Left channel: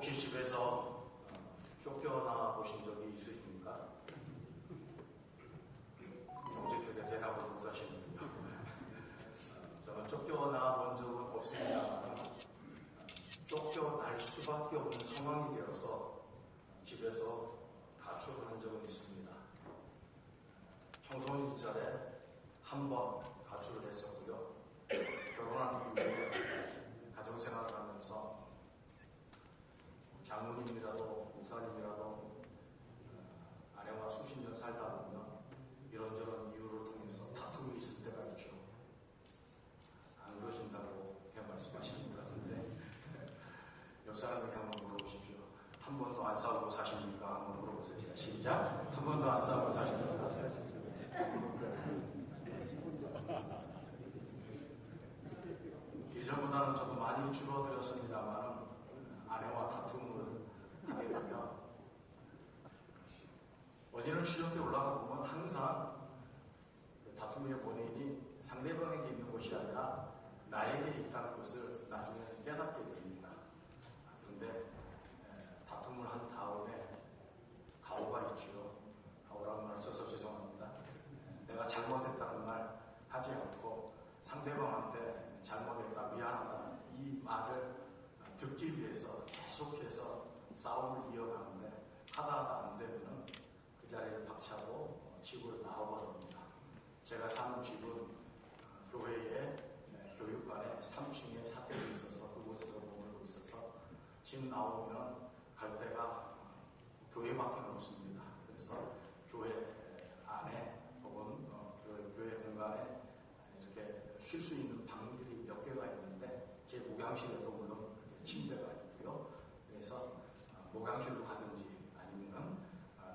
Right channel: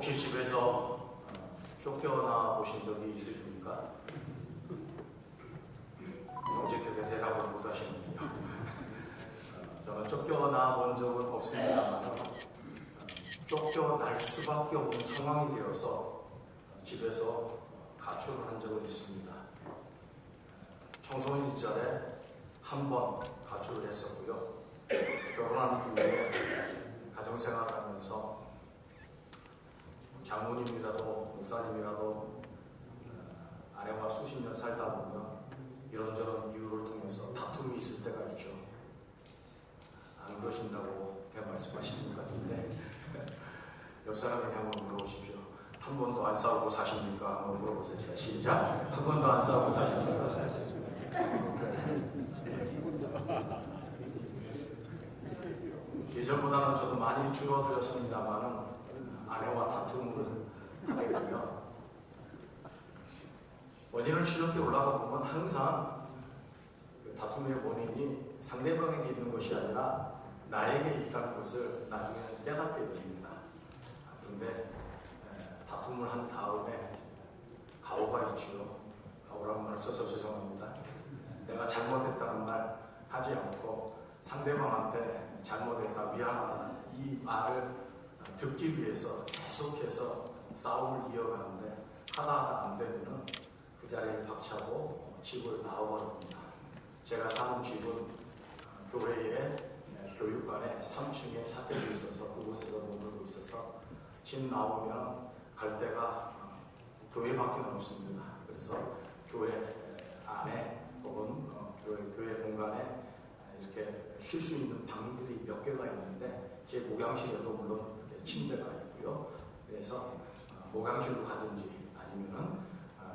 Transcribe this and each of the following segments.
혹시 집에서 쫓겨나 보신 적이 있으십니까? 정직하게 대답을 못 하시는군요. 저는 쫓겨나 본 적은 없습니다만 쫓겨날 수밖에 없는 상황이 되어서 집에서 가출을 한 적은 있습니다. 청소년 시절에 한 번 가출을 했었고요. 결혼한 이후에 가정생활을 하면서 장모님이라도 목사님이라도 아내와 수십 년 살다 보면 이런저런 이유를 통해서 다툼이 있을 때가 있죠. 안 그러신다고 그렇게 말씀하시는 것 같은데 옆 사람에게 한번 물어보십시오. 한 번도 안 싸우고 사십니까? 한번 물어보세요. 시작! 한 번도 안 싸우고 사십니까? 예전보다는 저도 많이 줄어들었습니다만 아내와 다툼을 하게 되면 원인을 추적해 올라가 보면 항상 다툼의 원인이 상대방에게 있는 것이 아니라 나에게 있다는 것을 나중에 깨닫게 됩니다. 그런데 다툼을 한 다음에 가오가 있죠. 가오라는 말을 써서 죄송합니다. 내가 잘못했다는 말 하지 않고 상대방한테 잘못했다, 미안하다 이 말을 듣기 위해서 계속해서 싸움을 이어가는데 하다 안 되면은 그 자리에 박차고 집을 나와버립니다. 제가 사는 집은 교회의 교육관에 3층에 사택이 있어서 그곳에서 머물고 있어서 집 나오면 갈 데가 교회밖에 없습니다. 그래서 교회 안에 혹은 교회 공간에 이렇게 쉴 수 있는 방들이 몇 개가 있는데 제 목양실에도 물론 침대가 있고요. 그래서 목양실로 가든지 아니면은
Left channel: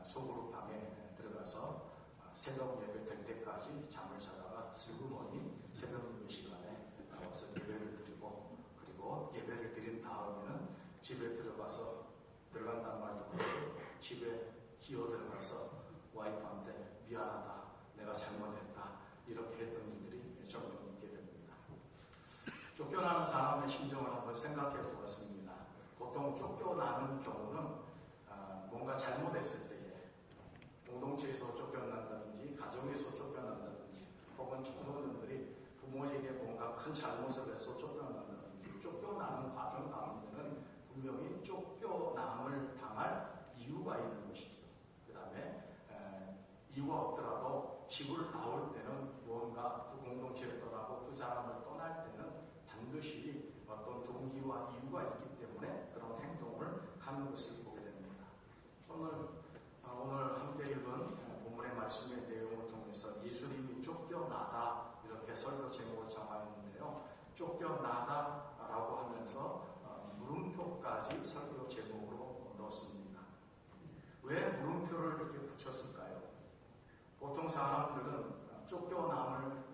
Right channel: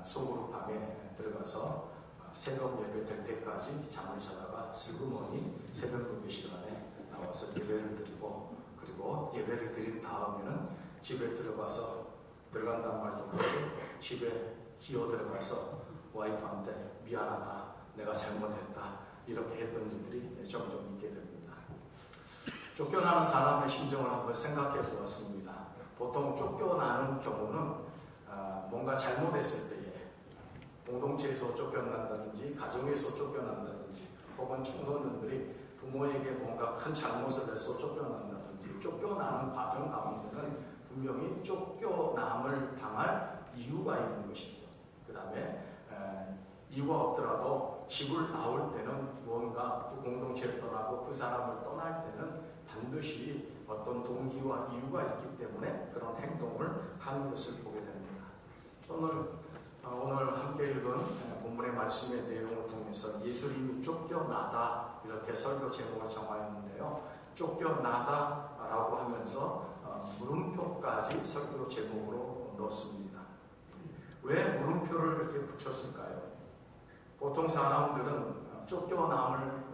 소그룹방에 들어가서 새벽 예배 될 때까지 잠을 자다가 슬그머니 새벽 예배 시간에 나와서 예배를 드리고 그리고 예배를 드린 다음에는 집에 들어간다는 말도 그렇죠. 집에 기어 들어가서 와이프한테 미안하다, 내가 잘못했다 이렇게 했던 일들이 종종 있게 됩니다. 쫓겨나는 사람의 심정을 한번 생각해 보았습니다. 보통 쫓겨나는 경우는 뭔가 잘못했을 때에 공동체에서 쫓겨난다든지 가정에서 쫓겨난다든지 혹은 청소년들이 부모에게 뭔가 큰 잘못을 해서 쫓겨난다든지 쫓겨나는 과정 가운데는 분명히 쫓겨남을 당할 이유가 있는 것이죠. 그 다음에 이유가 없더라도 집을 나올 때는 무언가 그 공동체를 떠나고 그 사람을 떠날 때는 반드시 어떤 동기와 이유가 있기 때문에 그런 행동을 하는 것을 보게 됩니다. 오늘 함께 읽은 본문의 말씀의 내용을 통해서 예수님이 쫓겨나다 이렇게 설교 제목을 정하였는데요. 쫓겨나다라고 하면서 물음표까지 설교 제목으로 넣었습니다. 왜 물음표를 이렇게 붙였을까요? 보통 사람들은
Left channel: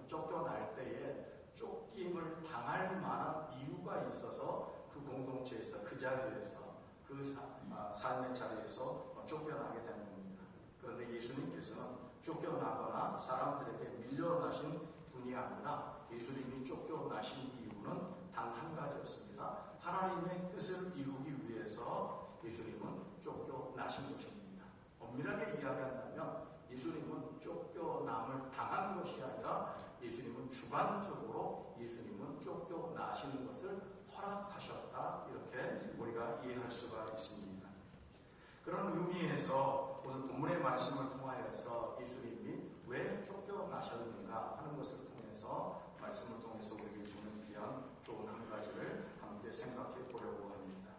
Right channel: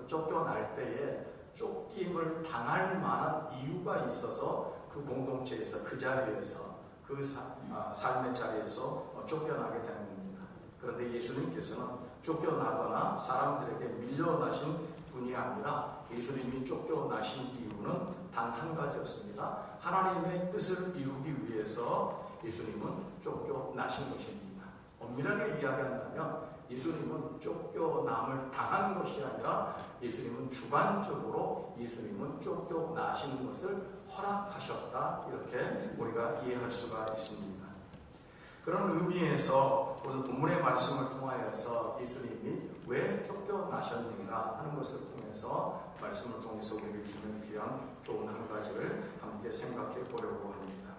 쫓겨날 때에 쫓김을 당할 만한 이유가 있어서 그 공동체에서 그 자리에서 그 삶의 자리에서 쫓겨나게 되는 겁니다. 그런데 예수님께서는 쫓겨나거나 사람들에게 밀려나신 분이 아니라 예수님이 쫓겨나신 이유는 단 한 가지였습니다. 하나님의 뜻을 이루기 위해서 예수님은 쫓겨나신 것입니다. 엄밀하게 이야기한다면 예수님은 쫓겨남을 당한 것이 아니라 예수님은 주관적으로 예수님은 쫓겨나시는 것을 허락하셨다 이렇게 우리가 이해할 수가 있습니다. 그런 의미에서 오늘 본문의 말씀을 통하여서 예수님이 왜 쫓겨나셨는가 하는 것을 통해서 말씀을 통해서 우리에게 주는 귀한 교훈 한 가지를 함께 생각해 보려고 합니다.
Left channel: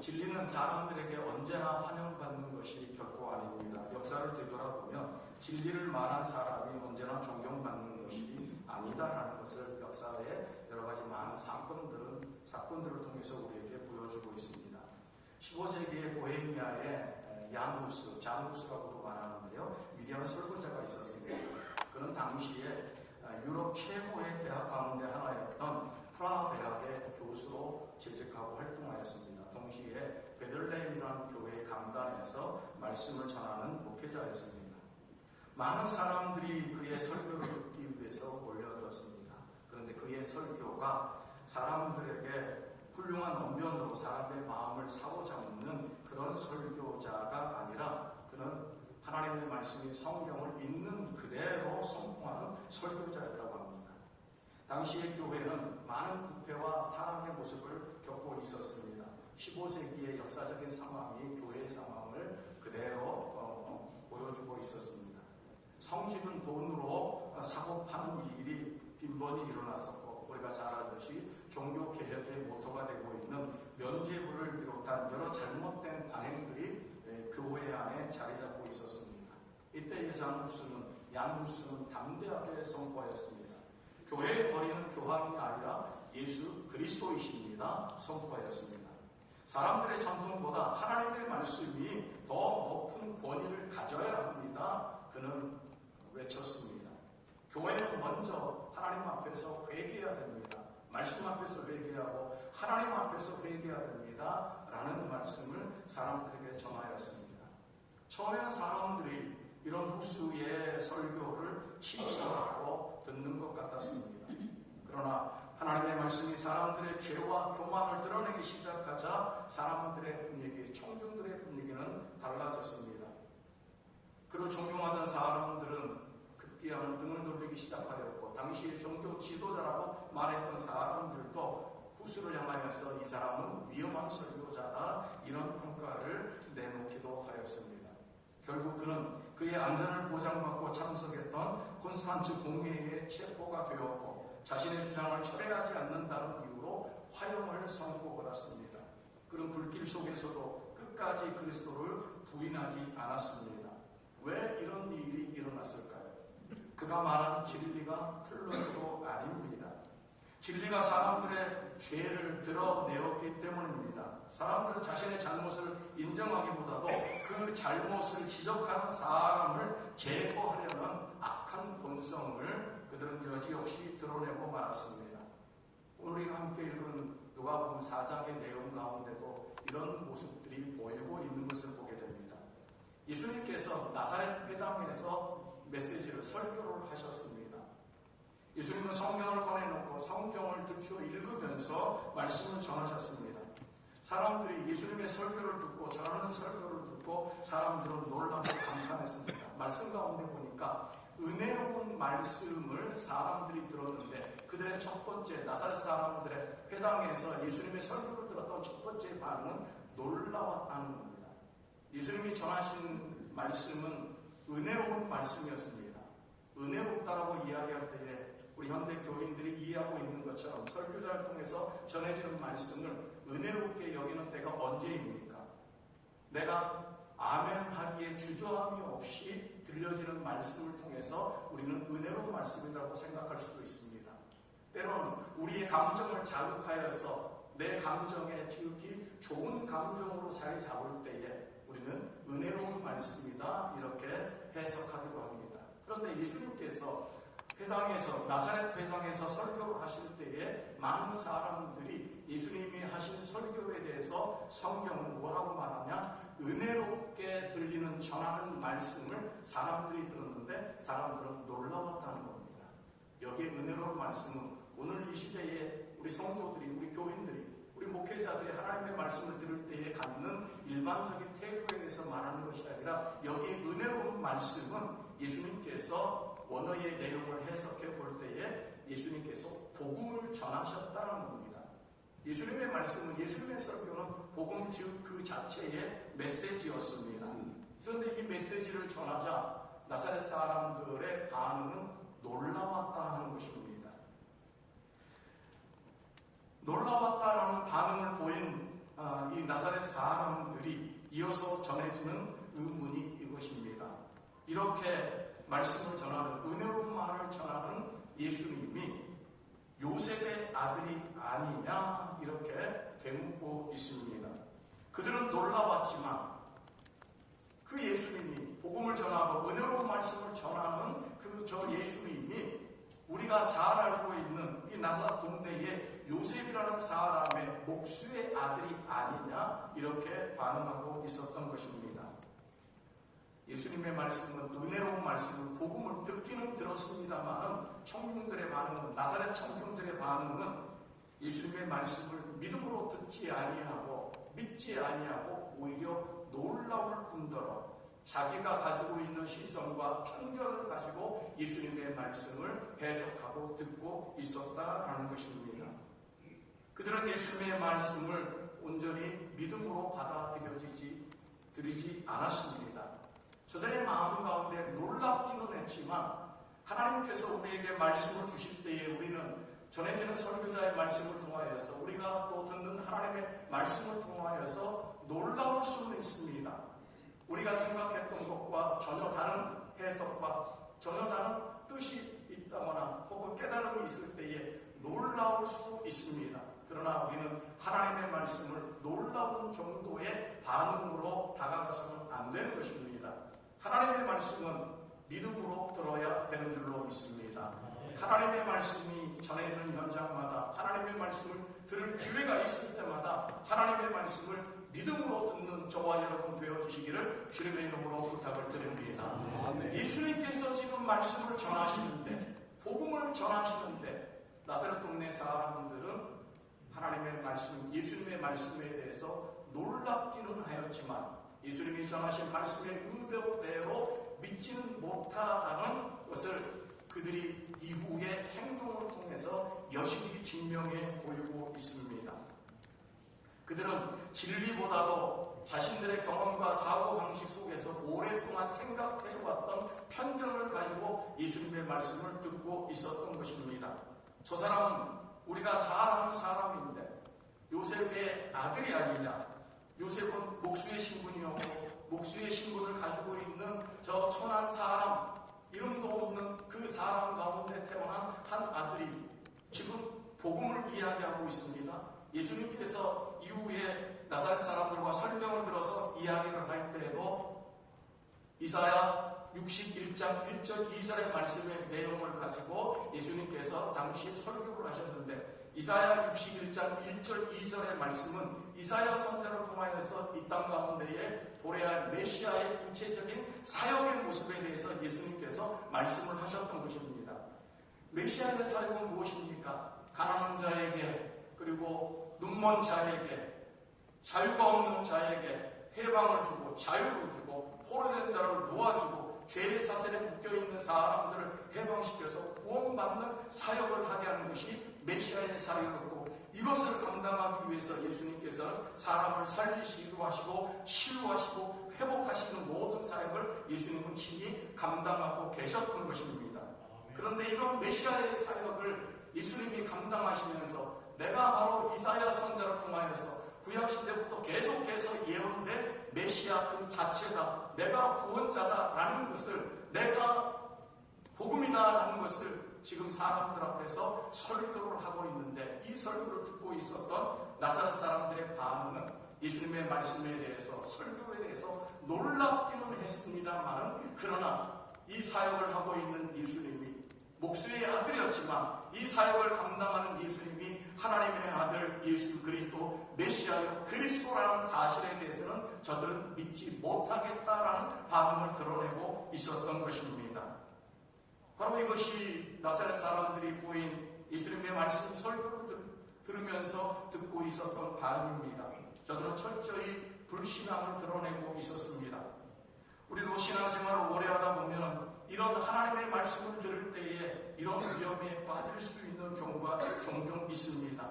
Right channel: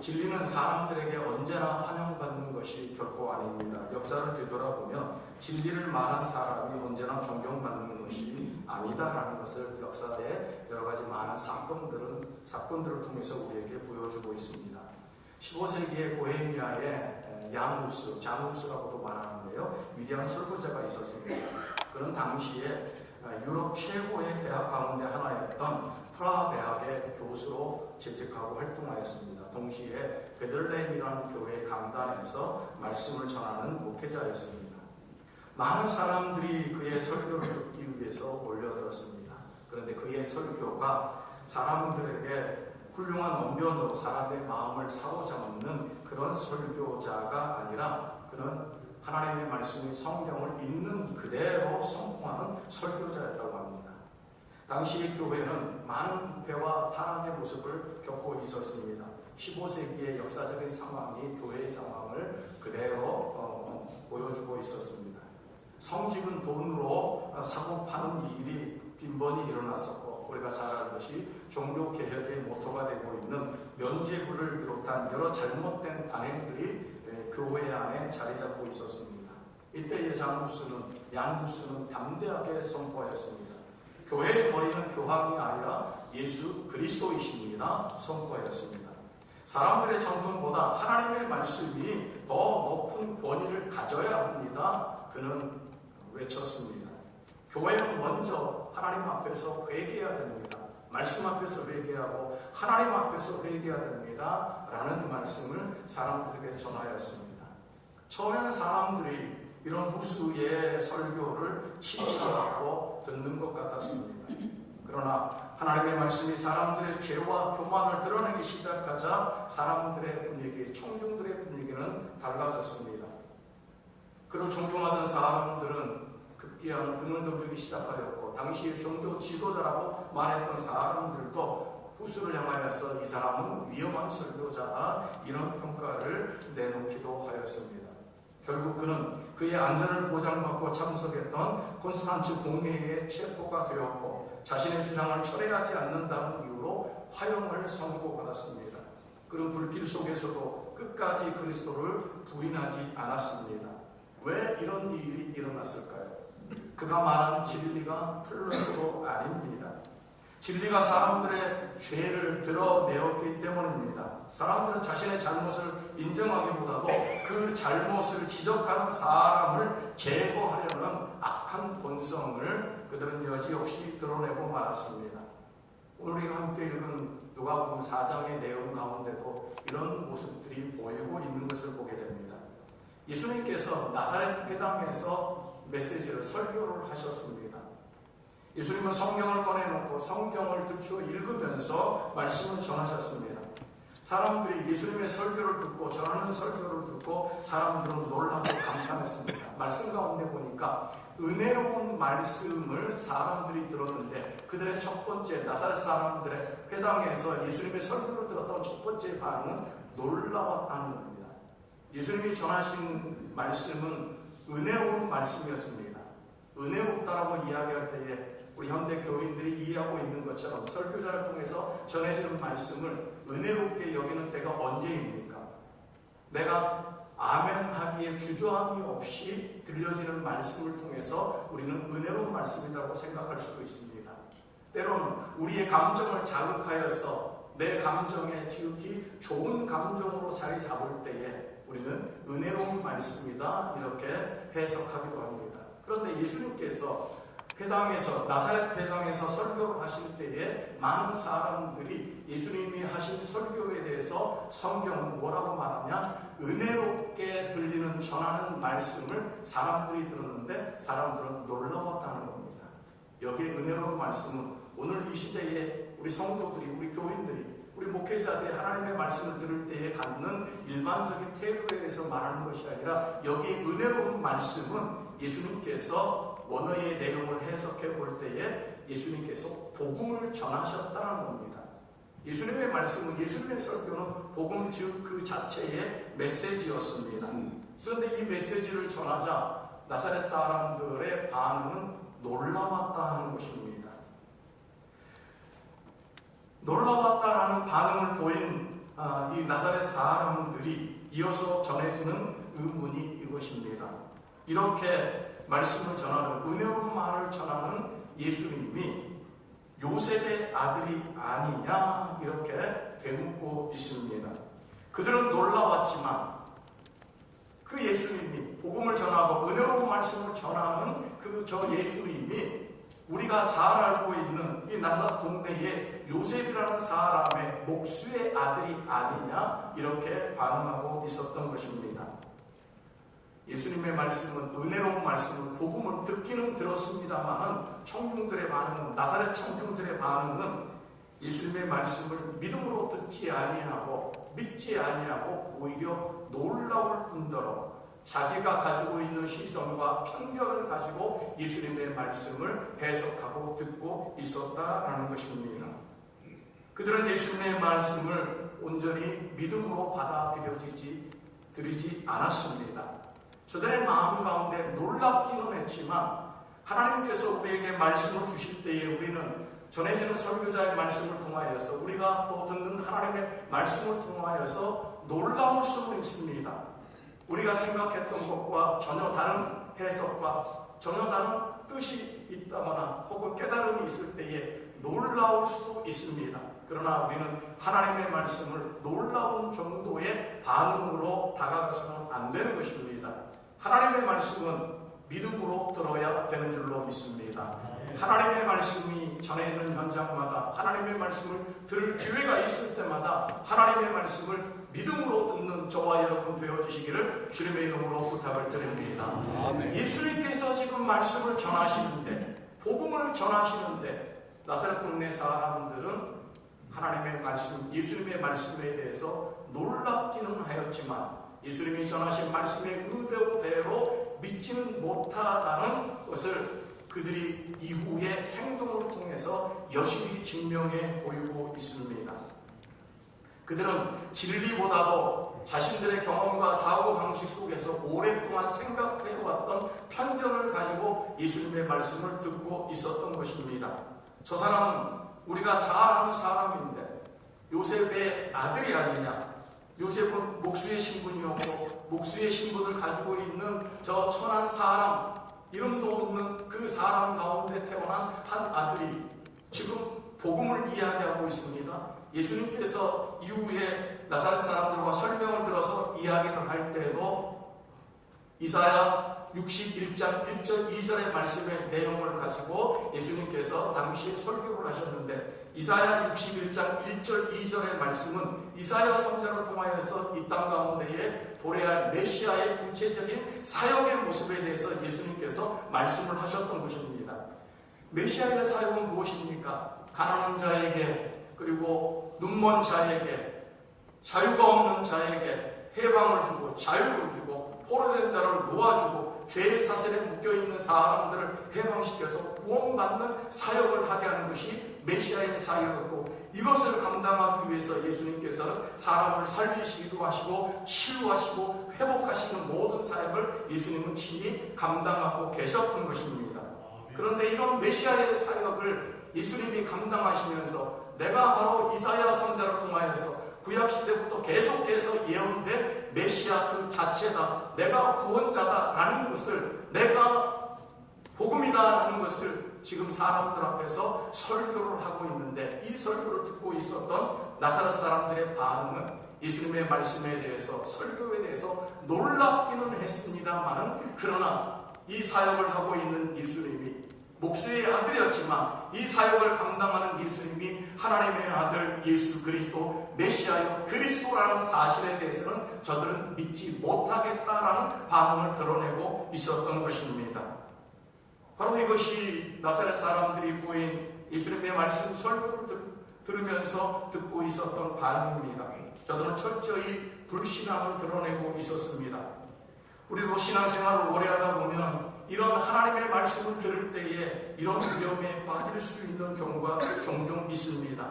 진리는 사람들에게 언제나 환영받는 것이 결코 아닙니다. 역사를 되돌아보면 진리를 말한 사람이 언제나 존경받는 것이 아니다라는 것을 역사의 여러 가지 많은 사건들을 통해서 우리에게 보여주고 있습니다. 15세기의 보헤미아에 자누스라고도 말하는데요. 위대한 설교자가 있었습니다. 그는 당시에 유럽 최고의 대학 가운데 하나였던 프라하 대학의 교수로 재직하고 활동하였습니다. 동시에 베들레헴이라는 교회 강단에서 말씀을 전하는 목회자였습니다. 많은 사람들이 그의 설교를 듣기 위해서 몰려들었습니다. 그런데 그의 설교가 사람들에게 훌륭한 언변으로 사람의 마음을 사로잡는 그런 설교자가 아니라 그는 하나님의 말씀이 성경을 있는 그대로 선포하는 설교자였다고 합니다. 당시의 교회는 많은 부패와 타락의 모습을 겪고 있었습니다. 15세기의 역사적인 상황이 교회의 상황을 그대로 보여주고 있었습니다. 성직은 돈으로 사고 파는 일이 빈번히 일어났었고, 우리가 잘 알듯이 종교개혁의 모토가 되고 있는 면죄부를 비롯한 여러 잘못된 관행들이 교회 안에 자리 잡고 있었습니다. 이때의 양구스는 담대하게 선포하였습니다. 교회의 머리는 교황이 아니라 예수 그리스도이십니다 선포하였습니다. 사람들의 전통보다 하나님의 말씀이 더 높은 권위를 가져야 합니다. 그는 외쳤습니다. 교회는 먼저 하나님 앞에서 회개해야 됩니다. 말씀 앞에서 회개하고 하나님 앞에서 회개해야 됩니다. 라는 말씀을 사람들에게 전하였습니다. 처음에는 사람들이 이런 후수의 설교를 칭찬하고 듣는 것 같았습니다. 그러나 하나님의 말씀이 사람들의 죄와 교만을 드러내기 시작하자 사람들의 분위기, 청중들의 분위기는 달라졌습니다. 그를 존경하던 사람들은 급기야는 등을 돌리기 시작하였고, 당시의 종교 지도자라고 말했던 사람들도 후수를 향하여서 이 사람은 위험한 설교자다, 이런 평가를 내놓기도 하였습니다. 결국 그는 그의 안전을 보장받고 참석했던 콘스탄츠 공회에 체포가 되었고, 자신의 주장을 철회하지 않는다는 이유로 화형을 선고받았습니다. 그는 불길 속에서도 끝까지 그리스도를 부인하지 않았습니다. 왜 이런 일이 일어났을까요? 그가 말한 진리가 틀려서도 아닙니다. 진리가 사람들의 죄를 드러내었기 때문입니다. 사람들은 자신의 잘못을 인정하기보다도 그 잘못을 지적하는 사람을 제거하려는 악한 본성을 그들은 여지없이 드러내고 말았습니다. 오늘 우리가 함께 읽은 누가복음 4장의 내용 가운데도 이런 모습들이 보이고 있는 것을 보게 됩니다. 예수님께서 나사렛 회당에서 메시지를 설교를 하셨습니다. 예수님은 성경을 꺼내놓고 성경을 들추어 읽으면서 말씀을 전하셨습니다. 사람들이 예수님의 설교를 듣고, 전하는 설교를 듣고 사람들은 놀라고 감탄했습니다. 말씀 가운데 보니까 은혜로운 말씀을 사람들이 들었는데, 그들의 첫 번째, 나사렛 사람들의 회당에서 예수님의 설교를 들었던 첫 번째 반응은 놀라웠다는 겁니다. 예수님이 전하신 말씀은 은혜로운 말씀이었습니다. 은혜롭다라고 이야기할 때에 우리 현대 교인들이 이해하고 있는 것처럼 설교자를 통해서 전해지는 말씀을 은혜롭게 여기는 때가 언제입니까? 내가 아멘 하기에 주저함이 없이 들려지는 말씀을 통해서 우리는 은혜로운 말씀이라고 생각할 수도 있습니다. 때로는 우리의 감정을 자극하여서 내 감정에 지극히 좋은 감정으로 자리 잡을 때에 우리는 은혜로운 말씀이다, 이렇게 해석하기도 합니다. 그런데 예수님께서 나사렛 회당에서 설교를 하실 때에 많은 사람들이 예수님이 하신 설교에 대해서 성경은 뭐라고 말하냐? 은혜롭게 들리는 전하는 말씀을 사람들이 들었는데 사람들은 놀라웠다는 겁니다. 여기에 은혜로운 말씀은 오늘 이 시대에 우리 성도들이, 우리 교인들이, 우리 목회자들이 하나님의 말씀을 들을 때에 갖는 일반적인 태도에 대해서 말하는 것이 아니라, 여기 은혜로운 말씀은 예수님께서 원어의 내용을 해석해 볼 때에 예수님께서 복음을 전하셨다는 겁니다. 예수님의 말씀은, 예수님의 설교는 복음 즉 그 자체의 메시지였습니다. 그런데 이 메시지를 전하자 나사렛 사람들의 반응은 놀라웠다 하는 것입니다. 놀라웠다라는 반응을 보인 이 나사렛 사람들이 이어서 전해지는 의문이 이것입니다. 이렇게 말씀을 전하는, 은혜로운 말을 전하는 예수님이 요셉의 아들이 아니냐, 이렇게 되묻고 있습니다. 그들은 놀라웠지만 그 예수님이, 복음을 전하고 은혜로운 말씀을 전하는 그 예수님이 우리가 잘 알고 있는 이 나사렛 동네의 요셉이라는 사람의 목수의 아들이 아니냐, 이렇게 반응하고 있었던 것입니다. 예수님의 말씀은, 은혜로운 말씀은, 복음을 듣기는 들었습니다만 청중들의 반응은, 나사렛 청중들의 반응은 예수님의 말씀을 믿음으로 듣지 아니하고 믿지 아니하고 오히려 놀라울 뿐더러 자기가 가지고 있는 시선과 편견을 가지고 예수님의 말씀을 해석하고 듣고 있었다라는 것입니다. 그들은 예수님의 말씀을 온전히 믿음으로 받아들이지 않았습니다. 저들의 마음 가운데 놀랍기는 했지만 하나님께서 우리에게 말씀을 주실 때에 우리는 전해지는 설교자의 말씀을 통하여서 우리가 또 듣는 하나님의 말씀을 통하여서 놀라울 수는 있습니다. 우리가 생각했던 것과 전혀 다른 해석과 전혀 다른 뜻이 있다거나 혹은 깨달음이 있을 때에 놀라울 수도 있습니다. 그러나 우리는 하나님의 말씀을 놀라운 정도의 반응으로 다가가서는 안 되는 것입니다. 하나님의 말씀은 믿음으로 들어야 되는 줄로 믿습니다. 하나님의 말씀이 전해지는 현장마다 하나님의 말씀을 들을 기회가 있을 때마다 하나님의 말씀을 믿음으로 듣는 저와 여러분 되어주시기를 주님의 이름으로 부탁을 드립니다. 예수님께서 지금 말씀을 전하시는데 복음을 전하시는데 나사렛 동네 사람들은 하나님의 말씀, 예수님의 말씀에 대해서 놀랍기는 하였지만 예수님이 전하신 말씀의 의도대로 믿지는 못하다는 것을 그들이 이후의 행동을 통해서 여실히 증명해 보이고 있습니다. 그들은 진리보다도 자신들의 경험과 사고방식 속에서 오랫동안 생각해왔던 편견을 가지고 예수님의 말씀을 듣고 있었던 것입니다. 저 사람은 우리가 잘 아는 사람인데 요셉의 아들이 아니냐, 요셉은 목수의 신분이었고 목수의 신분을 가지고 있는 저 천한 사람, 이름도 없는 그 사람 가운데 태어난 한 아들이 지금 복음을 이야기하고 있습니다. 예수님께서 이후에 나사렛 사람들과 설명을 들어서 이야기를 할 때에도 이사야 61장 1절 2절의 말씀의 내용을 가지고 예수님께서 당시에 설교를 하셨는데 이사야 61장 1절 2절의 말씀은 이사야 선지자를 통하여서 이 땅 가운데에 도래할 메시아의 구체적인 사역의 모습에 대해서 예수님께서 말씀을 하셨던 것입니다. 메시아의 사역은 무엇입니까? 가난한 자에게 그리고 눈먼 자에게 자유가 없는 자에게 해방을 주고 자유를 주고 포로된 자를 놓아주고 죄의 사슬에 묶여있는 사람들을 해방시켜서 구원받는 사역을 하게 하는 것이 메시아의 사역이었고 이것을 감당하기 위해서 예수님께서는 사람을 살리시기도 하시고 치유하시고 회복하시는 모든 사역을 예수님은 친히 감당하고 계셨던 것입니다. 그런데 이런 메시아의 사역을 예수님이 감당하시면서 내가 바로 이사야 선지자를 통하여서 구약시대부터 계속해서 예언된 메시아 그 자체다, 내가 구원자다라는 것을, 내가 복음이다라는 것을 지금 사람들 앞에서 설교를 하고 있는데 이 설교를 듣고 있었던 나사렛 사람들의 반응은 예수님의 말씀에 대해서 설교에 대해서 놀랍기는 했습니다만은 그러나 이 사역을 하고 있는 예수님이 목수의 아들이었지만 이 사역을 감당하는 예수님이 하나님의 아들 예수 그리스도 메시아요 그리스도라는 사실에 대해서는 저들은 믿지 못하겠다라는 반응을 드러내고 있었던 것입니다. 바로 이것이 나사렛 사람들이 보인 예수님의 말씀 설교를 들으면서 듣고 있었던 반응입니다. 저들은 철저히 불신앙을 드러내고 있었습니다. 우리도 신앙생활을 오래 하다 보면 이런 하나님의 말씀을 들을 때에 이런 위험에 빠질 수 있는 경우가 종종 있습니다.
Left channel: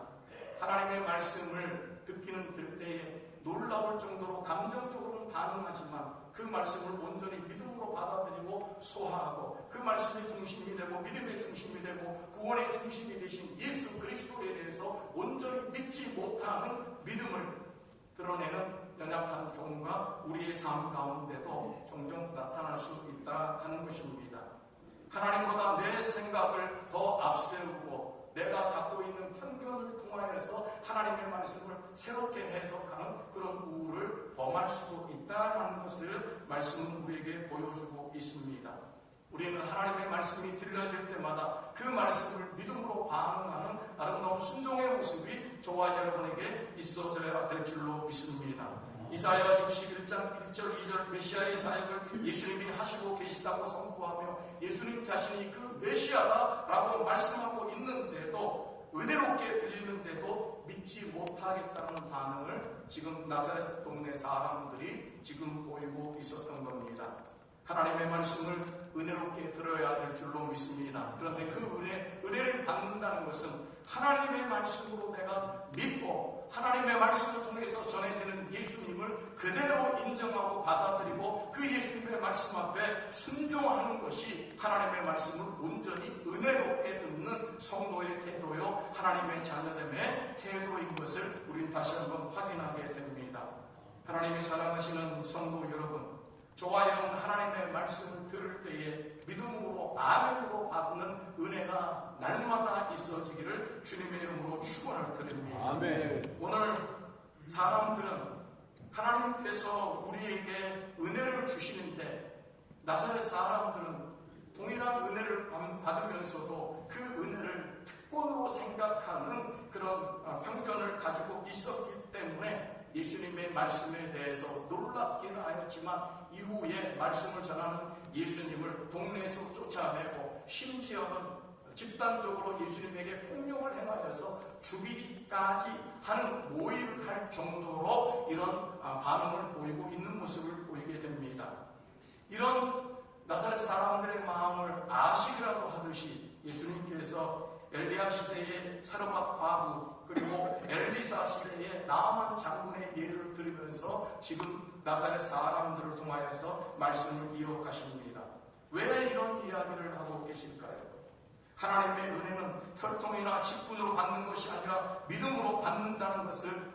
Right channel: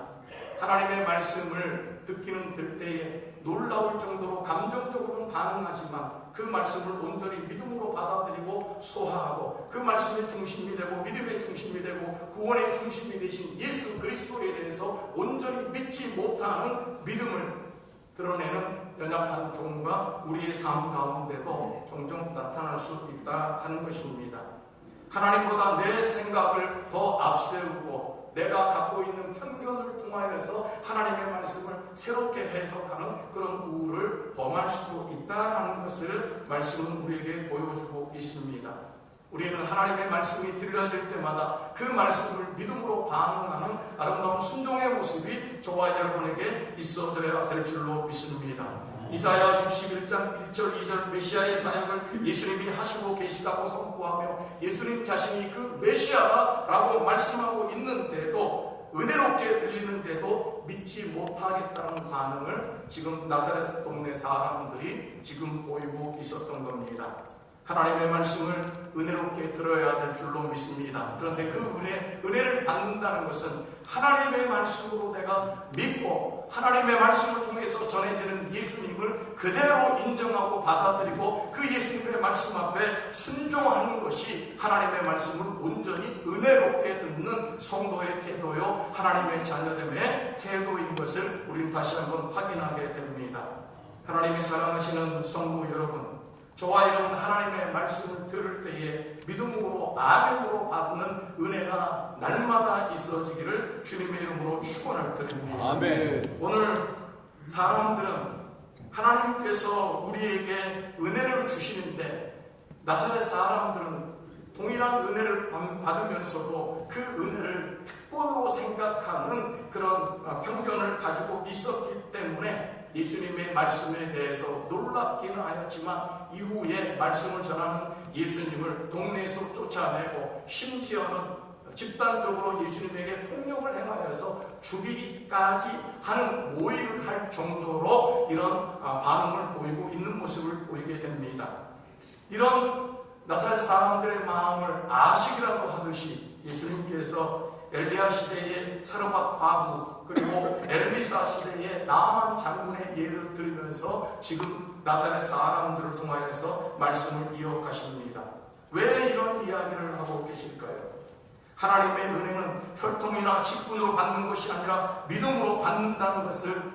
하나님의 말씀을 듣기는 들 때에 놀라울 정도로 감정적으로는 반응하지만 그 말씀을 온전히 믿음으로 받아들이고 소화하고 그 말씀의 중심이 되고 믿음의 중심이 되고 구원의 중심이 되신 예수 그리스도에 대해서 온전히 믿지 못하는 믿음을 드러내는 연약한 경우가 우리의 삶 가운데도 종종 나타날 수 있다 하는 것입니다. 하나님보다 내 생각을 더 앞세우고 내가 갖고 있는 편견을 통하여서 하나님의 말씀을 새롭게 해석하는 그런 우울을 범할 수도 있다는 것을 말씀은 우리에게 보여주고 있습니다. 우리는 하나님의 말씀이 들려질 때마다 그 말씀을 믿음으로 반응하는 아름다운 순종의 모습이 저와 여러분에게 있어져야 될 줄로 믿습니다. 이사야 61장 1절 2절 메시아의 사역을 예수님이 하시고 계시다고 선포하며 예수님 자신이 그 메시아다라고 말씀하고 있는데도 은혜롭게 들리는데도 믿지 못하겠다는 반응을 지금 나사렛 동네 사람들이 지금 보이고 있었던 겁니다. 하나님의 말씀을 은혜롭게 들어야 될 줄로 믿습니다. 그런데 그 은혜를 받는다는 것은 하나님의 말씀으로 내가 믿고 하나님의 말씀을 통해서 전해지는 예수님을 그대로 인정하고 받아들이고 그 예수님의 말씀 앞에 순종하는 것이 하나님의 말씀을 온전히 은혜롭게 듣는 성도의 태도요, 하나님의 자녀됨의 태도인 것을 우리는 다시 한번 확인하게 됩니다. 하나님이 사랑하시는 성도 여러분, 저와 여러분 하나님의 말씀을 들을 때에 믿음으로 아멘으로 받는 은혜가 날마다 있어지기를 주님의 이름으로 축원을 드립니다. 아멘. 오늘 사람들은 하나님께서 우리에게 은혜를 주시는데 나사렛 사람들은 동일한 은혜를 받으면서도 그 은혜를 특권으로 생각하는 그런 편견을 가지고 있었기 때문에 예수님의 말씀에 대해서 놀랍기는 하였지만 이후에 말씀을 전하는 예수님을 동네에서 쫓아내고 심지어는 집단적으로 예수님에게 폭력을 행하여서 죽이기까지 하는 모의를 할 정도로 이런 반응을 보이고 있는 모습을 보이게 됩니다. 이런 나사렛 사람들의 마음을 아시기라도 하듯이 예수님께서 엘리야 시대의 사르밧 과부 그리고 엘리사 시대의 나만 장군의 예를 들으면서 지금 나사렛 사람들을 통하여서 말씀을 이어가십니다. 왜 이런 이야기를 하고 계실까요? 하나님의 은혜는 혈통이나 직분으로 받는 것이 아니라 믿음으로 받는다는 것을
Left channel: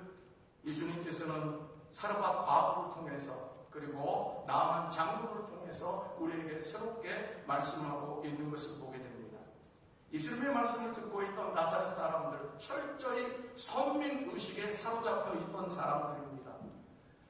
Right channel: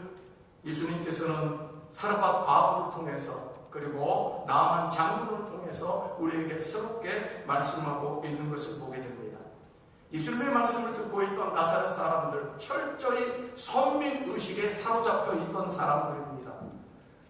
예수님께서는 사르밧 과부를 통해서 그리고 나만 장군을 통해서 우리에게 새롭게 말씀하고 있는 것을 보게 됩니다. 예수님의 말씀을 듣고 있던 나사렛 사람들, 철저히 선민의식에 사로잡혀 있던 사람들입니다.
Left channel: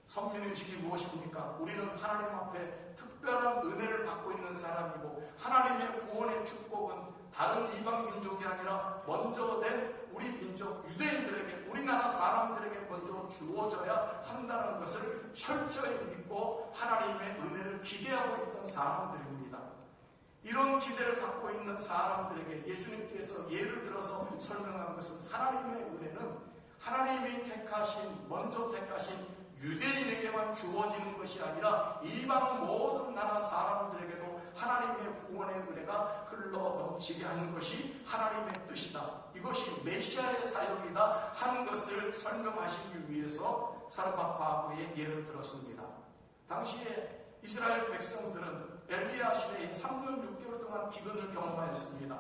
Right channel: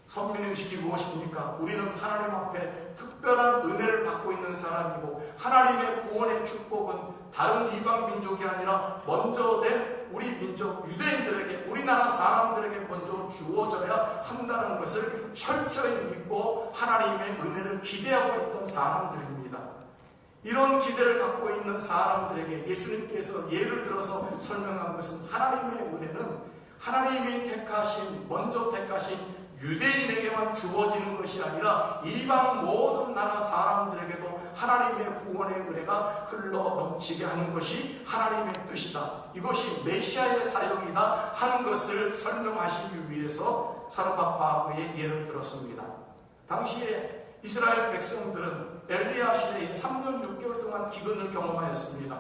선민의식이 무엇입니까? 우리는 하나님 앞에 특별한 은혜를 받고 있는 사람이고 하나님의 구원의 축복은 다른 이방 민족이 아니라 먼저 된 우리 민족 유대인들에게, 우리나라 사람들에게 먼저 주어져야 한다는 것을 철저히 믿고 하나님의 은혜를 기대하고 있던 사람들입니다. 이런 기대를 갖고 있는 사람들에게 예수님께서 예를 들어서 설명한 것은 하나님의 은혜는 하나님이 택하신, 먼저 택하신 유대인에게만 주어지는 것이 아니라 이방 모든 나라 사람들에게도 하나님의 구원의 은혜가 흘러 넘치게 하는 것이 하나님의 뜻이다. 이것이 메시아의 사역이다 하는 것을 설명하시기 위해서 사르밧 과부의 예를 들었습니다. 당시에 이스라엘 백성들은 엘리야 시대에 3년 6개월 동안 기근을 경험하였습니다.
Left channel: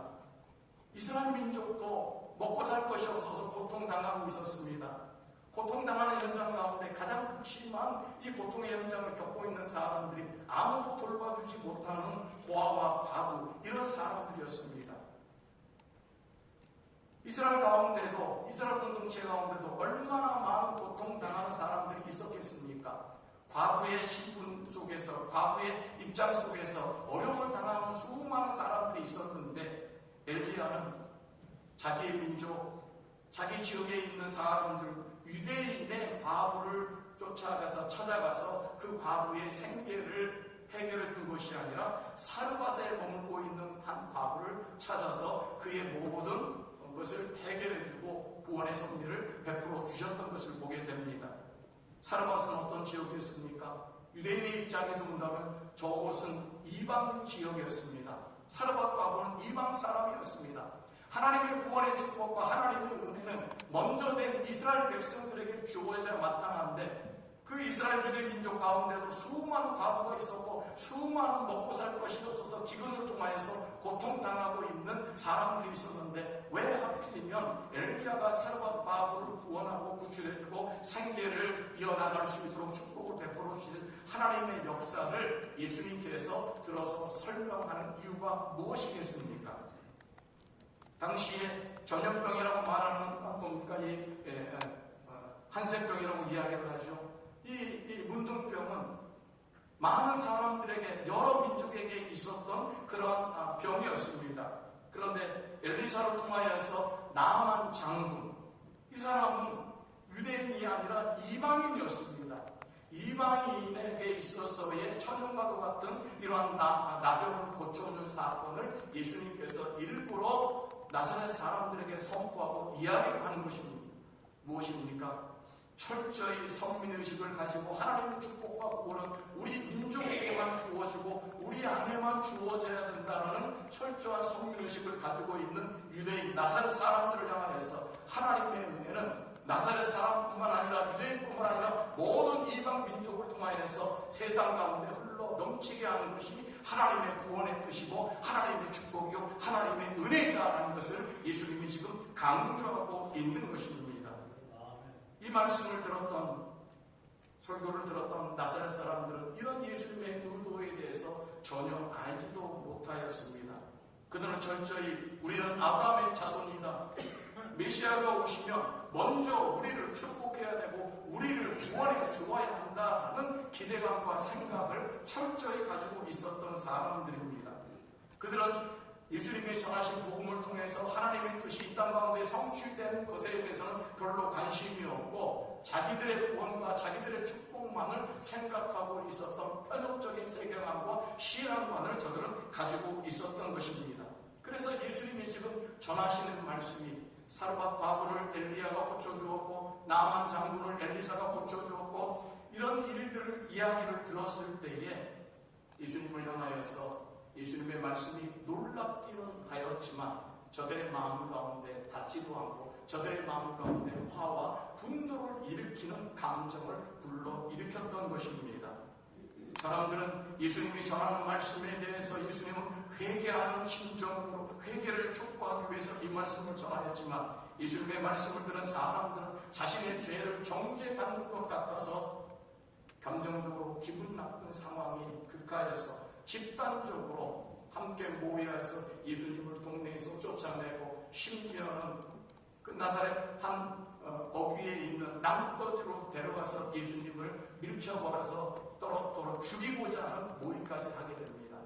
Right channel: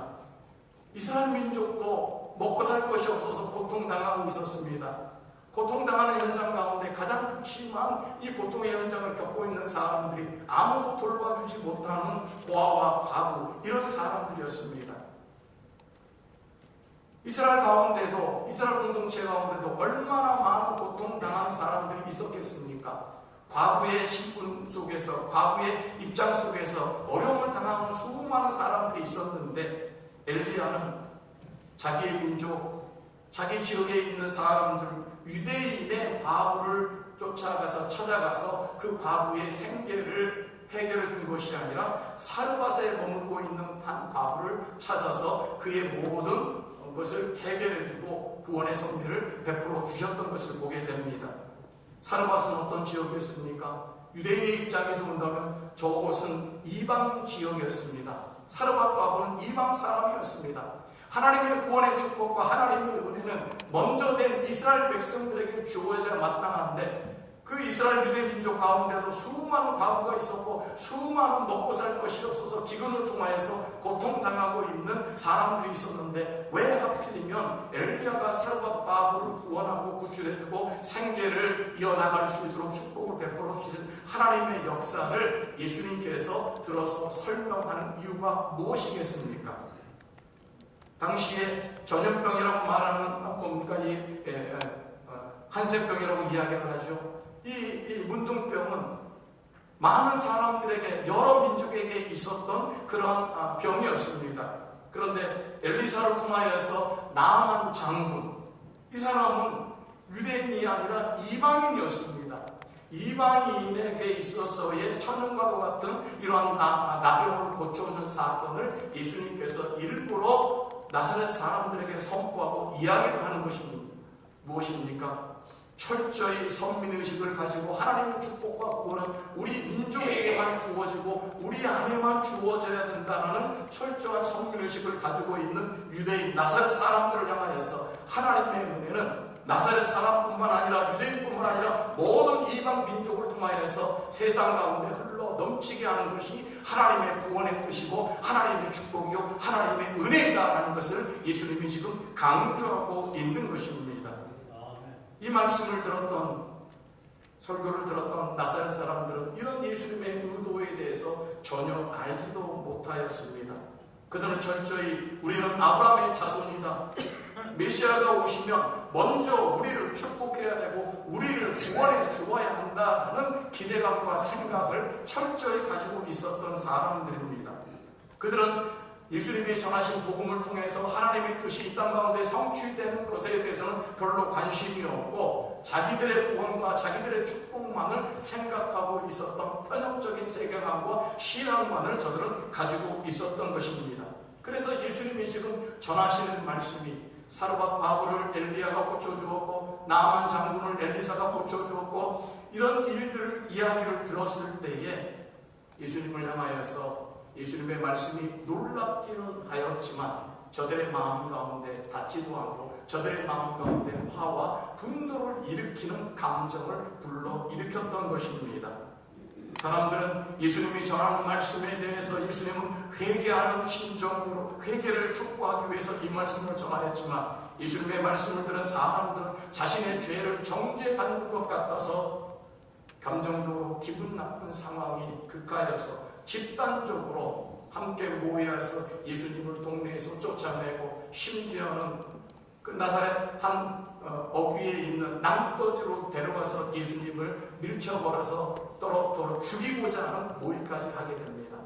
이스라엘 민족도 먹고 살 것이 없어서 고통당하고 있었습니다. 고통당하는 현장 가운데 가장 극심한 이 고통의 현장을 겪고 있는 사람들이 아무도 돌봐주지 못하는 고아와 과부, 이런 사람들이었습니다. 이스라엘 가운데도, 이스라엘 공동체 가운데도 얼마나 많은 고통당하는 사람들이 있었겠습니까? 과부의 신분 속에서, 과부의 입장 속에서 어려움을 당하는 수많은 사람들이 있었는데 엘리야는 자기의 민족, 자기 지역에 있는 사람들, 유대인의 과부를 쫓아가서 찾아가서 그 과부의 생계를 해결해 준 것이 아니라 사르밧에 머물고 있는 한 과부를 찾아서 그의 모든 것을 해결해 주고 구원의 섭리를 베풀어 주셨던 것을 보게 됩니다. 사르밧은 어떤 지역이었습니까? 유대인의 입장에서 본다면 저곳은 이방 지역이었습니다. 사르밧 과부는 이방 사람이었습니다. 하나님의 구원의 축복과 하나님의 은혜는 먼저 된 이스라엘 백성들에게 주어져야 마땅한데 그 이스라엘 유대 민족 가운데도 수많은 과부가 있었고 수많은 먹고 살 것이 없어서 기근을 통하여서 고통당하고 있는 사람들이 있었는데 왜 하필이면 엘리야가 사르밧 과부를 구원하고 구출해주고 생계를 이어나갈 수 있도록 축복을 베풀어 주신 하나님의 역사를 예수님께서 들어서 설명하는 이유가 무엇이겠습니까? 당시에 전염병이라고 말하는 뭡니까? 한센병이라고 이야기를 하죠. 이 문둥병은 많은 사람들에게, 여러 민족에게 있었던 그런 병이었습니다. 그런데 엘리사를 통하여서 나만 장군, 이 사람은 유대인이 아니라 이방인이었습니다. 이방인에게 있어서의 천연과도 같은 이러한 나병을 고쳐오는 사건을 예수님께서 일부러 나사렛 사람들에게 선포하고 이야기를 하는 것이 무엇입니까? 철저히 선민의식을 가지고 하나님의 축복과 구원은 우리 민족에게만 주어지고 우리 안에만 주어져야 된다는 철저한 선민의식을 가지고 있는 유대인 나사렛 사람들을 향하여서 하나님의 은혜는 나사렛 사람뿐만 아니라 유대인뿐만 아니라 모든 이방 민족을 통하여서 세상 가운데 흘러 넘치게 하는 것이 하나님의 구원의 뜻이고 하나님의 축복이요 하나님의 은혜이다라는 것을 예수님이 지금 강조하고 있는 것입니다. 이 말씀을 들었던 설교를 들었던 나사렛 사람들은 이런 예수님의 의도에 대해서 전혀 알지도 못하였습니다. 그들은 철저히 우리는 아브라함의 자손이다. 메시아가 오시면 먼저 우리를 축복해야 되고 우리를 구원해 주어야 한다는 기대감과 생각을 철저히 가지고 있었던 사람들입니다. 그들은 예수님이 전하신 복음을 통해서 하나님의 뜻이 이 땅 가운데 성취되는 것에 대해서는 별로 관심이 없고 자기들의 구원과 자기들의 축복만을 생각하고 있었던 편협적인 세계관과 신앙관을 저들은 가지고 있었던 것입니다. 그래서 예수님이 지금 전하시는 말씀이 사르밧 과부를 엘리야가 고쳐주었고 나아만 장군을 엘리사가 고쳐주었고 이런 일들을 이야기를 들었을 때에 예수님을 향하여서 예수님의 말씀이 놀랍기는 하였지만 저들의 마음 가운데 닿지도 않고 저들의 마음 가운데 화와 분노를 일으키는 감정을 불러일으켰던 것입니다. 사람들은 예수님이 전하는 말씀에 대해서 예수님은 회개하는 심정으로 회개를 촉구하기 위해서 이 말씀을 전하였지만 예수님의 말씀을 들은 사람들은 자신의 죄를 정죄받는 것 같아서 감정적으로 기분 나쁜 상황이 극하여서 집단적으로 함께 모여서 예수님을 동네에서 쫓아내고 심지어는 그 나사렛 한 어귀에 있는 낭떠지로 데려가서 예수님을 밀쳐버려서 떨어 죽이고자 하는 모의까지 하게 됩니다.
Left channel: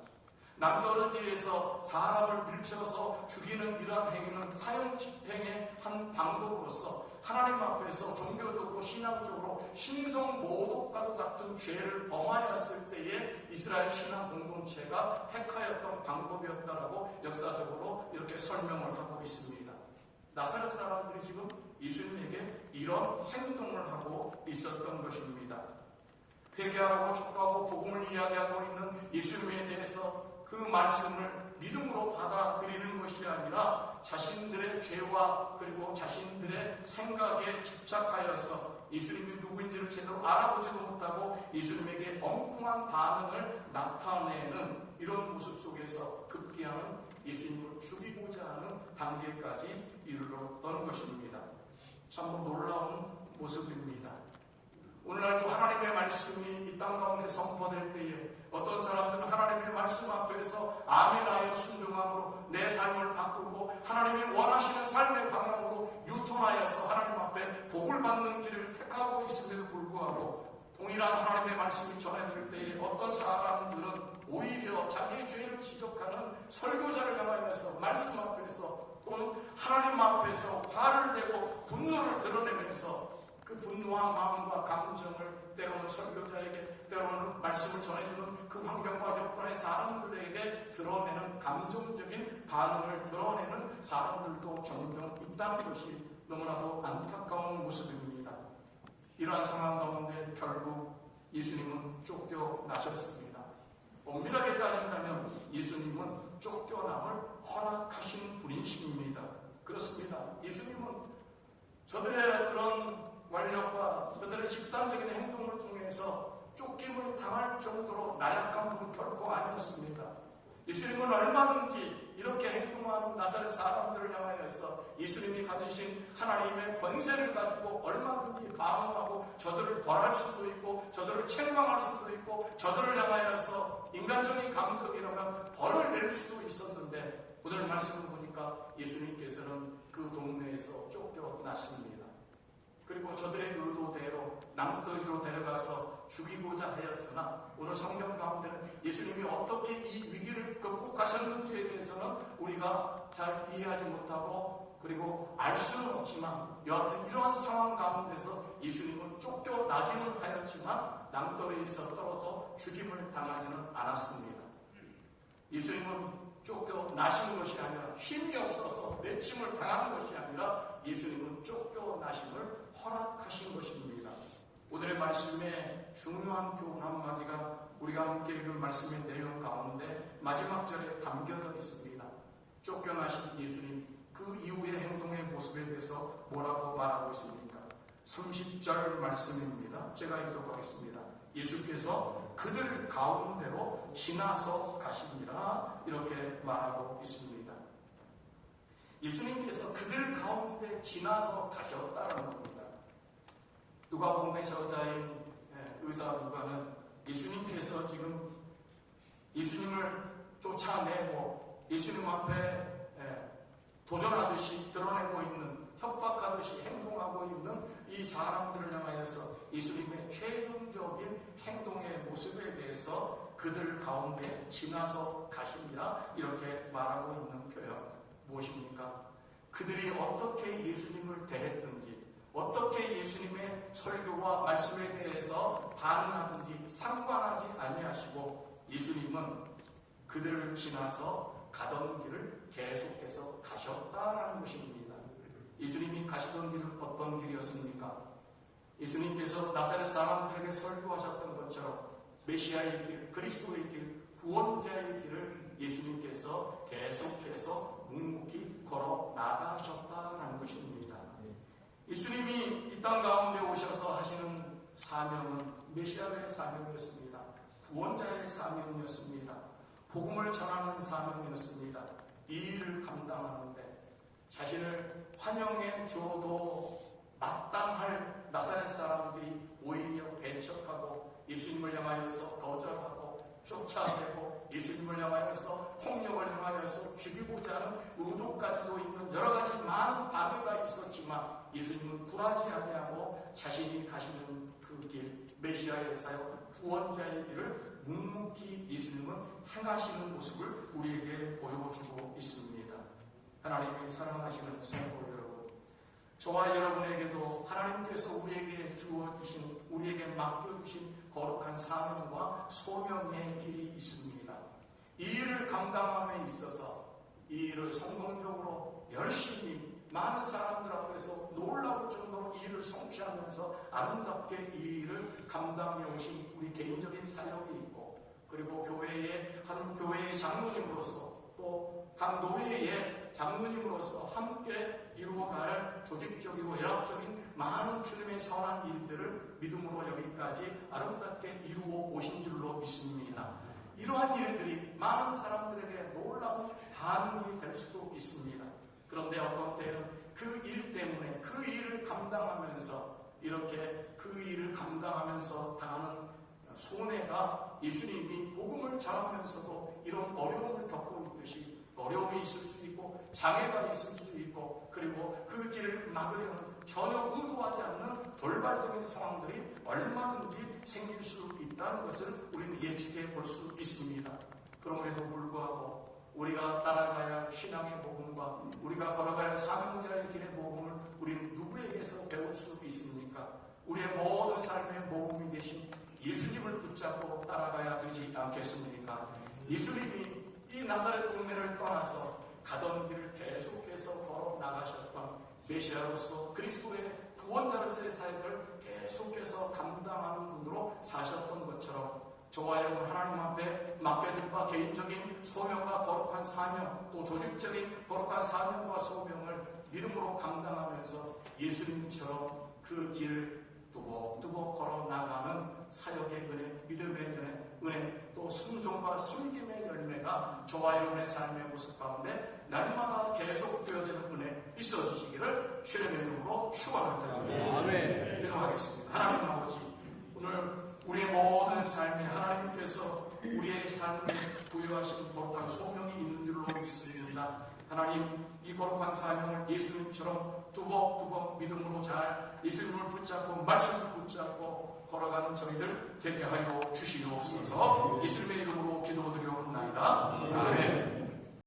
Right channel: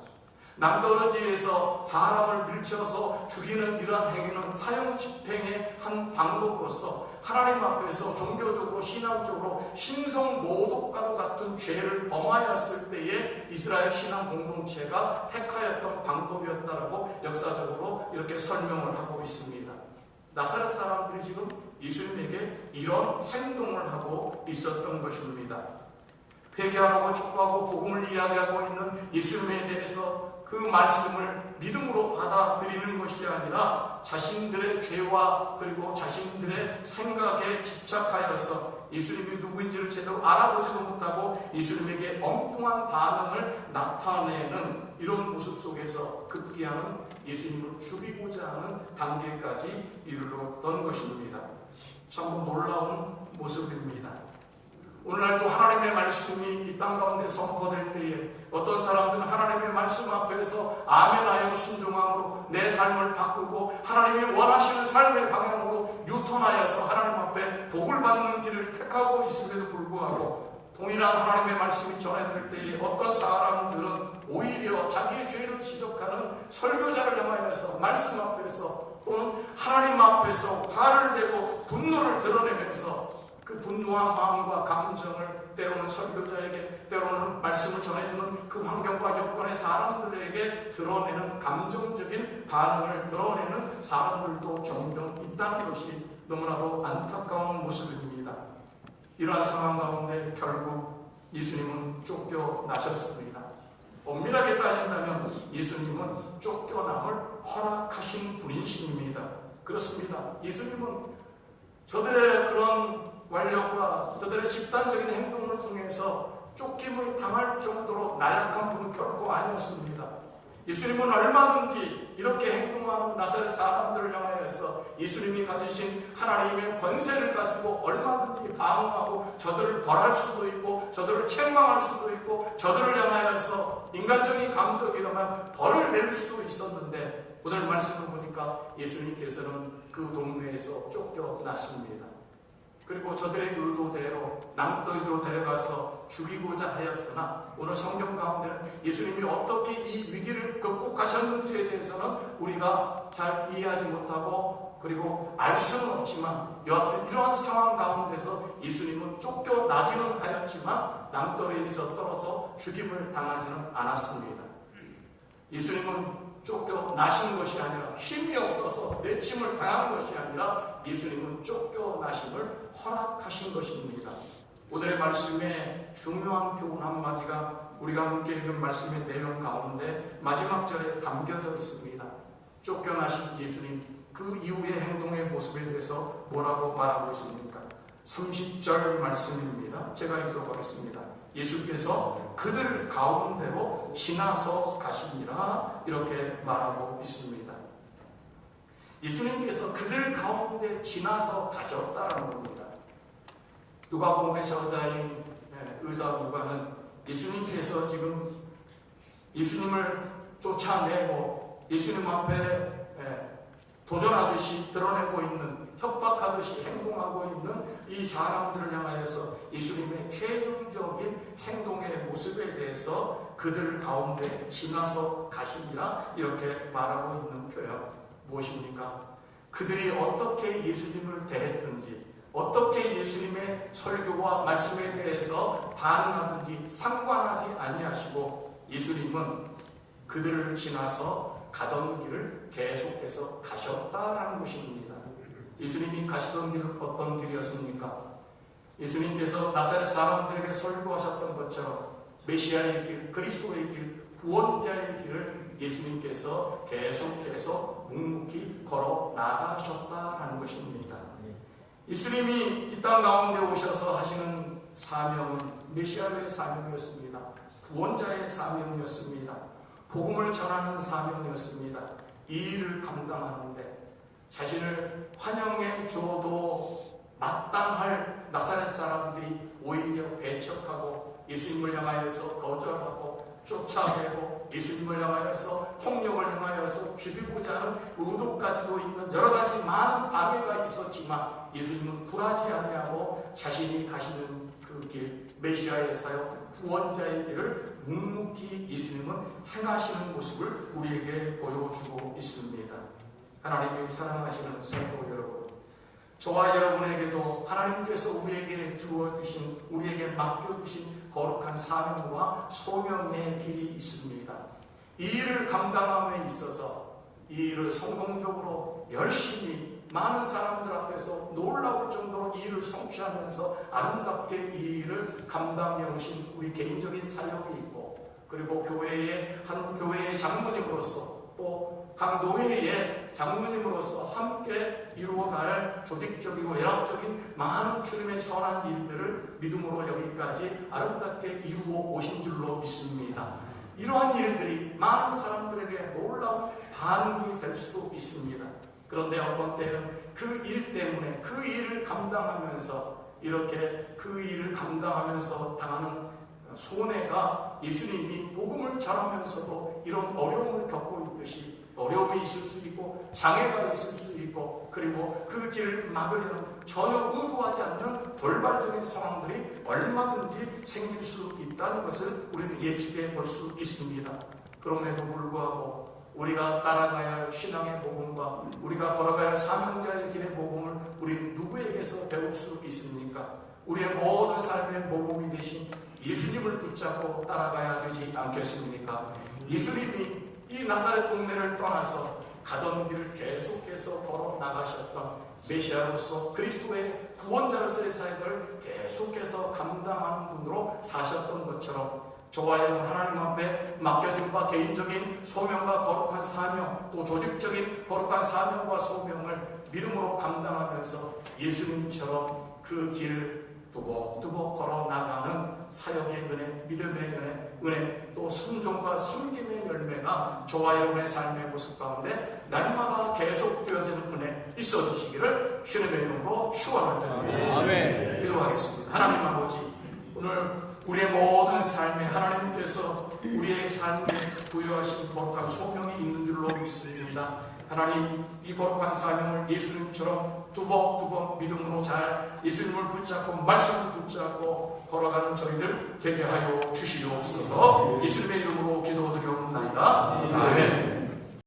낭떠러지에서 사람을 밀쳐서 죽이는 이러한 행위는 사형 집행의 한 방법으로서 하나님 앞에서 종교적으로 신앙적으로 신성모독과도 같은 죄를 범하였을 때에 이스라엘 신앙 공동체가 택하였던 방법이었다라고 역사적으로 이렇게 설명을 하고 있습니다. 나사렛 사람들이 지금 예수님에게 이런 행동을 하고 있었던 것입니다. 회개하라고 촉구하고 복음을 이야기하고 있는 예수님에 대해서 그 말씀을 믿음으로 받아들이는 것이 아니라 자신들의 죄와 그리고 자신들의 생각에 집착하여서 예수님이 누구인지를 제대로 알아보지도 못하고 예수님에게 엉뚱한 반응을 나타내는 이런 모습 속에서 급기야는 예수님을 죽이고자 하는 단계까지 이르렀던 것입니다. 참 놀라운 모습입니다. 오늘날도 하나님의 말씀이 이 땅 가운데 선포될 때에 어떤 사람들은 하나님의 말씀 앞에서 아멘하여 순종함으로 내 삶을 바꾸고 하나님이 원하시는 삶의 방향으로 유턴하여서 하나님 앞에 복을 받는 길을 택하고 있음에도 불구하고 동일한 하나님의 말씀이 전해질 때에 어떤 사람들은 오히려 자기의 죄를 지적하는 설교자를 향하여서 말씀 앞에서 또는 하나님 앞에서 화를 내고 분노를 드러내면서 그 분노한 마음과 감정을 때로는 설교자에게 때로는 말씀을 전해주는 그 환경과 여건의 사람들에게 드러내는 감정적인 반응을 드러내는 사람들도 종종 있다는 것이 너무나도 안타까운 모습입니다. 이러한 상황 가운데 결국 예수님은 쫓겨나셨습니다. 엄밀하게 따진다면 예수님은 쫓겨남을 허락하신 분이십니다. 그렇습니다. 예수님은 저들의 그런 완력과 저들의 집단적인 행동을 통해서 쫓김을 당할 정도로 나약한 분은 결코 아니었습니다. 예수님은 얼마든지 이렇게 행동하는 나사렛 사람들을 향하여서 예수님이 가지신 하나님의 권세를 가지고 얼마든지 방어하고 저들을 벌할 수도 있고 저들을 책망할 수도 있고 저들을 향하여서 인간적인 감정이라면 벌을 낼 수도 있었는데 오늘 말씀을 보니까 예수님께서는 그 동네에서 쫓겨났습니다. 그리고 저들의 의도대로 낭떠지로 데려가서 죽이고자 하였으나 오늘 성경 가운데는 예수님이 어떻게 이 위기를 극복하셨는지에 대해서는 우리가 잘 이해하지 못하고 그리고 알 수는 없지만 여하튼 이러한 상황 가운데서 예수님은 쫓겨나기는 하였지만 낭떠러지에서 떨어져 죽임을 당하지는 않았습니다. 예수님은 쫓겨나신 것이 아니라 힘이 없어서 내침을 당한 것이 아니라 예수님은 쫓겨나심을 허락하신 것입니다. 오늘의 말씀의 중요한 교훈 한마디가 우리가 함께 읽은 말씀의 내용 가운데 마지막 절에 담겨져 있습니다. 쫓겨나신 예수님, 그 이후의 행동의 모습에 대해서 뭐라고 말하고 있습니까? 30절 말씀입니다. 제가 읽어보겠습니다. 예수께서 그들 가운데로 지나서 가시니라 이렇게 말하고 있습니다. 예수님께서 그들 가운데 지나서 가셨다는 겁니다. 누가복음의 저자인 의사 누가는 예수님께서 지금 예수님을 쫓아내고 예수님 앞에 도전하듯이 드러내고 있는, 협박하듯이 행동하고 있는 이 사람들을 향하여서 예수님의 최종적인 행동의 모습에 대해서 그들 가운데 지나서 가시니라 이렇게 말하고 있는 표현 무엇입니까? 그들이 어떻게 예수님을 대했든지, 어떻게 예수님의 설교와 말씀에 대해서 반응하든지 상관하지 아니하시고 예수님은 그들을 지나서 가던 길을 계속해서 가셨다라는 것입니다. 예수님이 가시던 길은 어떤 길이었습니까? 예수님께서 나사렛 사람들에게 설교하셨던 것처럼 메시아의 길, 그리스도의 길, 구원자의 길을 예수님께서 계속해서 묵묵히 걸어 나가셨다라는 것입니다. 예수님이 이 땅 가운데 오셔서 하시는 사명은 메시아의 사명이었습니다. 구원자의 사명이었습니다. 복음을 전하는 사명이었습니다. 이 일을 감당하는데 자신을 환영해 줘도 마땅할 나사렛 사람들이 오히려 배척하고 예수님을 향하여서 거절하고 쫓아내고 예수님을 향하여서 폭력을 행하여서 죽이고자 하는 의도까지도 있는 여러 가지 많은 방해가 있었지만 예수님은 굴하지 아니하고 자신이 가시는 그 길, 메시아의 사역, 구원자의 길을 묵묵히 예수님은 행하시는 모습을 우리에게 보여주고 있습니다. 하나님의 사랑하시는 성도 여러분, 저와 여러분에게도 하나님께서 우리에게 주어주신, 우리에게 맡겨주신 거룩한 사명과 소명의 길이 있습니다. 이 일을 감당함에 있어서 이 일을 성공적으로 열심히 많은 사람들 앞에서 놀라울 정도로 이 일을 성취하면서 아름답게 이 일을 감당해 오신 우리 개인적인 사역이 있고, 그리고 교회의 한 교회의 장로님으로서 또 각 노회의 장로님으로서 함께 이루어갈 조직적이고 연합적인 많은 주님의 선한 일들을 믿음으로 여기까지 아름답게 이루어 오신 줄로 믿습니다. 이러한 일들이 많은 사람들에게 놀라운 반응이 될 수도 있습니다. 그런데 어떤 때는 그 일 때문에 그 일을 감당하면서 이렇게 그 일을 감당하면서 당하는 손해가 예수님이 복음을 전하면서도 이런 어려움을 겪고 있듯이 어려움이 있을 수 있고 장애가 있을 수 있고, 그리고 그 길을 막으려는 전혀 의도하지 않는 돌발적인 상황들이 얼마든지 생길 수 있다는 것을 우리는 예측해 볼 수 있습니다. 그럼에도 불구하고 우리가 따라가야 할 신앙의 복음과 우리가 걸어갈 사명자의 길의 복음을 우리는 누구에게서 배울 수 있습니까? 우리의 모든 삶의 복음이 되신 예수님을 붙잡고 따라가야 되지 않겠습니까? 예수님이 이 나사렛 동네를 떠나서 가던 길을 계속해서 걸어 나가셨던 메시아로서 그리스도의 구원자로서의 사역을 계속해서 감당하는 분으로 사셨던 것처럼 저와 여러분 하나님 앞에 맡겨진 바 개인적인 소명과 거룩한 사명, 또 조직적인 거룩한 사명과 소명을 믿음으로 감당하면서 예수님처럼 그 길을 두벅두벅 걸어 나가는 사역의 은혜, 믿음의 은혜, 또 순종과 섬김의 열매가 저와 여러분의 삶의 모습 가운데 날마다 계속되어지는 은혜 있어주시기를 주님의 이름으로 축원합니다. 아멘. 기도하겠습니다. 하나님 아버지, 오늘 우리의 모든 삶에 하나님께서 우리의 삶에 부여하신 거룩한 소명이 있는 줄로 믿습니다. 하나님, 이 거룩한 사명을 예수님처럼 두벅두벅 믿음으로 잘 예수님을 붙잡고 말씀을 붙잡고 걸어가는 저희들 되게 하여 주시옵소서. 예수님의 이름으로 기도드리옵나이다. 아멘.